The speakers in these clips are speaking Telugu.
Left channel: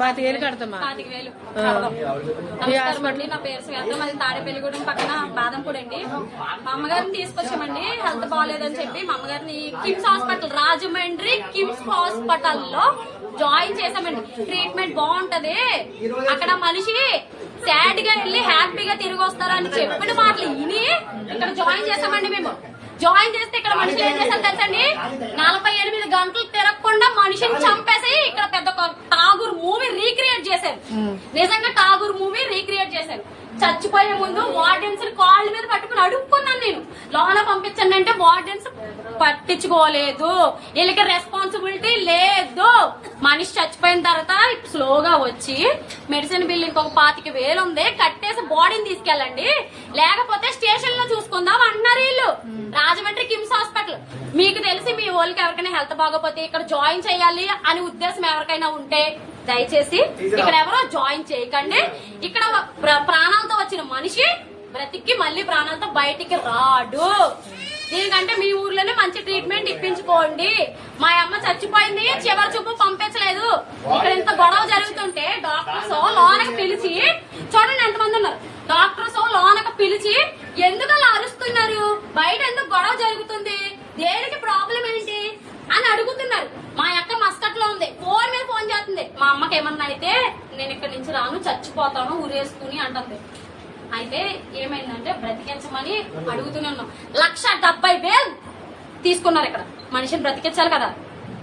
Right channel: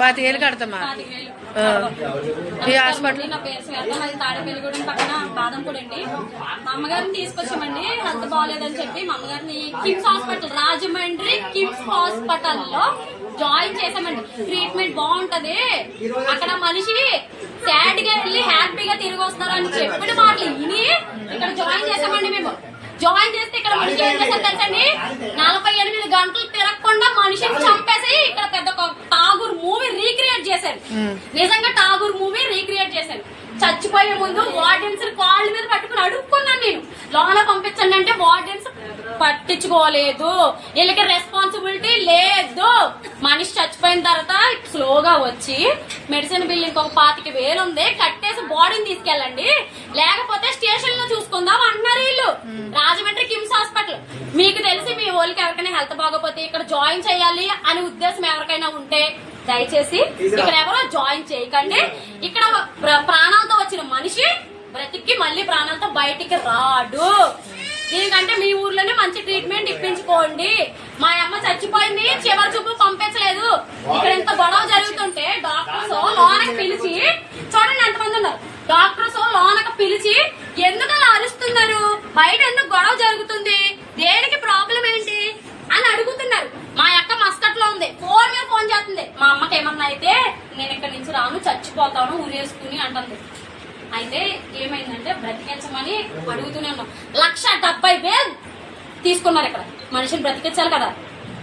25,000 కడతామా? 25,000 హాస్పిటల్. నా పేరు శ్వేత, మాది తాడేపల్లిగూడెం పక్కన బాదంపూడి అండి. మా అమ్మగారిని తీసుకొచ్చామండి, హెల్త్ బాగాలేదని చెప్పి. మా అమ్మగారిని కిమ్స్ హాస్పిటల్, రాజమండ్రి కిమ్స్ హాస్పిటల్లో జాయిన్ చేసామండి. ట్రీట్మెంట్ బాగుంటది, అక్కడ మనిషి సాడ్ గా వెళ్ళి హ్యాపీగా తిరిగి వస్తారని చెప్పిన మాటలు విని ఇక్కడ జాయిన్ చేసామండి. మేము జాయిన్ చేస్తే ఇక్కడ మనిషి ఏం చేశారు తెలుసండి, 48 గంటలు తిరగకుండా మనిషిని చంపేసి ఇక్కడ పెద్ద ఠాగూర్ మూవీ రీక్రియేట్ చేశారు. నిజంగా ఠాగూర్ మూవీ రీక్రియేట్ చేశారు. చచ్చిపోయే ముందు వార్డెన్స్ కాళ్ళ మీద పట్టుకుని అడుక్కున్నాను నేను, లోన పంపించండి అంటే వార్డెన్స్ పట్టించుకోలేదు, వీళ్ళకి రెస్పాన్సిబిలిటీ లేదు. మనిషి చచ్చిపోయిన తర్వాత స్లోగా వచ్చి మెడిసిన్ బిల్ ఇంకొక 25,000 ఉంది, కట్టేసి బాడీని తీసుకెళ్ళండి, లేకపోతే స్టేషన్ లో చూసుకుందాం అన్నారు వీళ్ళు. రాజమండ్రి కిమ్స్ హాస్పిటల్. మీకు తెలిసి మీ వాళ్ళకి ఎవరికైనా హెల్త్ బాగోపోతే ఇక్కడ జాయిన్ చేయాలి అని ఉద్దేశం ఎవరికైనా ఉంటే దయచేసి ఇక్కడ ఎవరో జాయిన్ చేయకండి. ఇక్కడ ప్రాణాలతో వచ్చిన మనిషి బ్రతికి మళ్ళీ ప్రాణాలతో బయటికి రాడు. దీనికంటే మీ ఊర్లోనే మంచి ట్రీట్మెంట్ ఇప్పించుకోండి. మా అమ్మ చచ్చిపోయింది, చివరి చూపు పంపించలేదు. ఇక్కడ ఇంత గొడవ జరుగుతుంటే డాక్టర్స్ లోనకి పిలిచి, చూడండి ఎంతమంది ఉన్నారు, డాక్టర్స్ లోనకి పిలిచి ఎందుకు అలా అరుస్తున్నారు, బయట ఎందుకు గొడవ జరుగుతుంది, దేనికి ప్రాబ్లం ఏంటి అని అడుగుతున్నారు. మా అక్క మస్కట్ లో ఉంది, ఫోన్ మీద ఫోన్ చేస్తుంది. మా అమ్మకి ఏమన్నా అయితే నేను ఇక్కడ నుంచి రాను, చచ్చిపోతాను ఊరేసుకుని అంటుంది. అయితే ఏమైందంటే బ్రతికించమని అడుగుతున్నాను. 1,70,000 తీసుకున్నారు. ఇక్కడ మనిషిని బ్రతికించాలి కదా,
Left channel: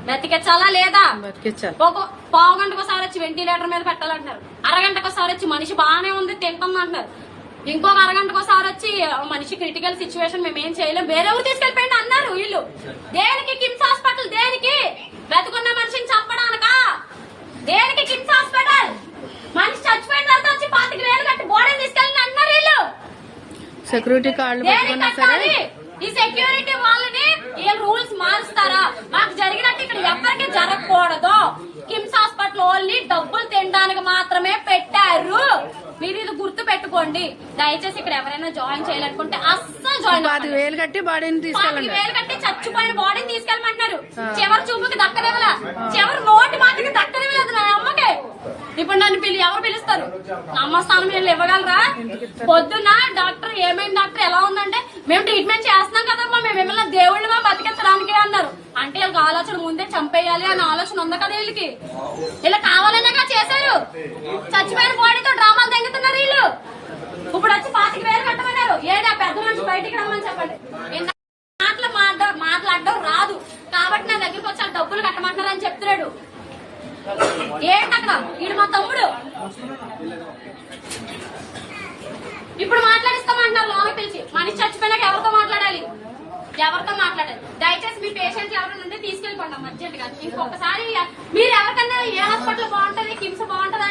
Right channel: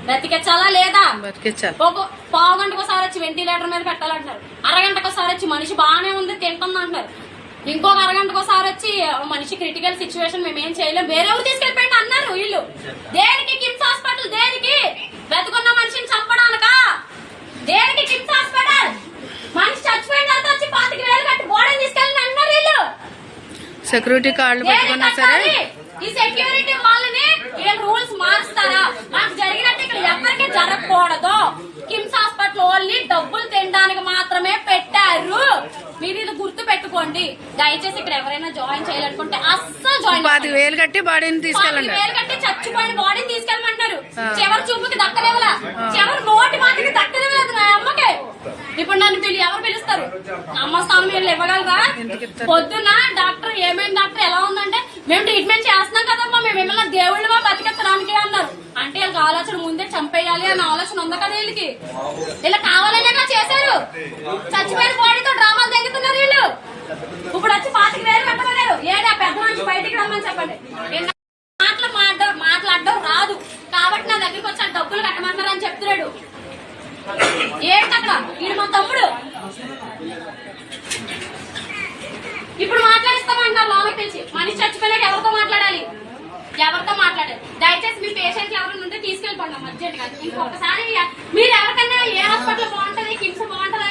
బ్రతికించాలా లేదా? ఒక పావు గంటకోసారి వచ్చి వెంటిలేటర్ మీద పెట్టాలంటున్నారు, అరగంటకోసారి వచ్చి మనిషి బాగానే ఉంది తింటుంది అంటున్నారు, ఇంకొక అరగంటకోసారి వచ్చి మనిషి క్రిటికల్ సిచ్యువేషన్ మేమేం చేయలేం, వేరే ఊరు తీసుకెళ్ళిపోయింది అన్నారు వీళ్ళు. దేనికి కిమ్స్ హాస్పిటల్? దేనికి? బ్రతుకున్న మనిషిని చంపడానికా? దేనికి కిమ్స్ హాస్పిటల్? మనిషి చచ్చిపోయిన తర్వాత వచ్చి 25,000 కట్టి బాడీని తీసుకెళ్ళి అన్నారు వీళ్ళు. సెక్యూరిటీ కార్డులు పెట్టుకున్నా సరే ఈ సెక్యూరిటీ వాళ్ళని ఏం రూల్స్ మారుస్తారా? మాకు జరిగినట్టు ఇక్కడ ఎవరికి జరగకూడదు. కిమ్స్ హాస్పిటల్ ఓన్లీ డబ్బులు తినడానికి మాత్రమే పెట్టారు. మీరు ఇది గుర్తు పెట్టుకోండి. దయచేసి ఇక్కడ ఎవరైనా జాయిన్ చేయాలనుకుంటే అస్సలు జాయిన్ 25,000 కట్టి బాడీని తీసుకెళ్ళండి. 25,000 కట్టి చచ్చిపోయిన బాడీని తీసుకెళ్ళమంటున్నారు. చివరి చూపుకి దక్కలేవలా, చివరి నోటి మాటకి దక్కలేవలేదు నా అమ్మకి. ఇప్పుడు నన్ను ఎవరు పిలుస్తారు? అమ్మ స్థానం వీళ్ళు ఇవ్వగలరా? పొద్దున్న డాక్టర్ ఏమైంది డాక్టర్ ఎలా ఉందంటే, మేము ట్రీట్మెంట్ చేస్తున్నాం కదమ్మా, మేము ఏమన్నా దేవుళ్ళమా బతికించడానికి అన్నారు. అంటే వీళ్ళకి ఆలోచన ముందే చంపేయాలి అనే ఆలోచన ఉంది కదా వీళ్ళకి. ఇలా కావాలనే చేశారు. చచ్చిపోయిన బాడీతో డ్రామాలు తెగుతున్నారు వీళ్ళు. ఇప్పుడు వచ్చి 25,000 కట్టమన్నారు. ఏడా పెద్ద మనిషి బయటికి రమ్మని చెప్పండి. మాట్లాడడం రాదు కాబట్టి నా దగ్గరికి వచ్చి డబ్బులు కట్టమంటున్నారు అని చెప్తున్నాడు. ఏంటి అక్కడ? వీడు మా తమ్ముడు. ఇప్పుడు మాట్లాడిస్తామంటున్నారు లోనకి తెలిసి. మనిషి చచ్చిపోయినాక ఎవరితో మాట్లాడాలి? దయచేసి మీ పేషెంట్లు ఎవరైనా ఉంటే తీసుకెళ్ళిపోండి అర్జెంట్ గా. ఇంకొకసారి మీరు ఎవరికైనా ఏ హాస్పిటల్ బాగుంటది, కిమ్స్ బాగుంటది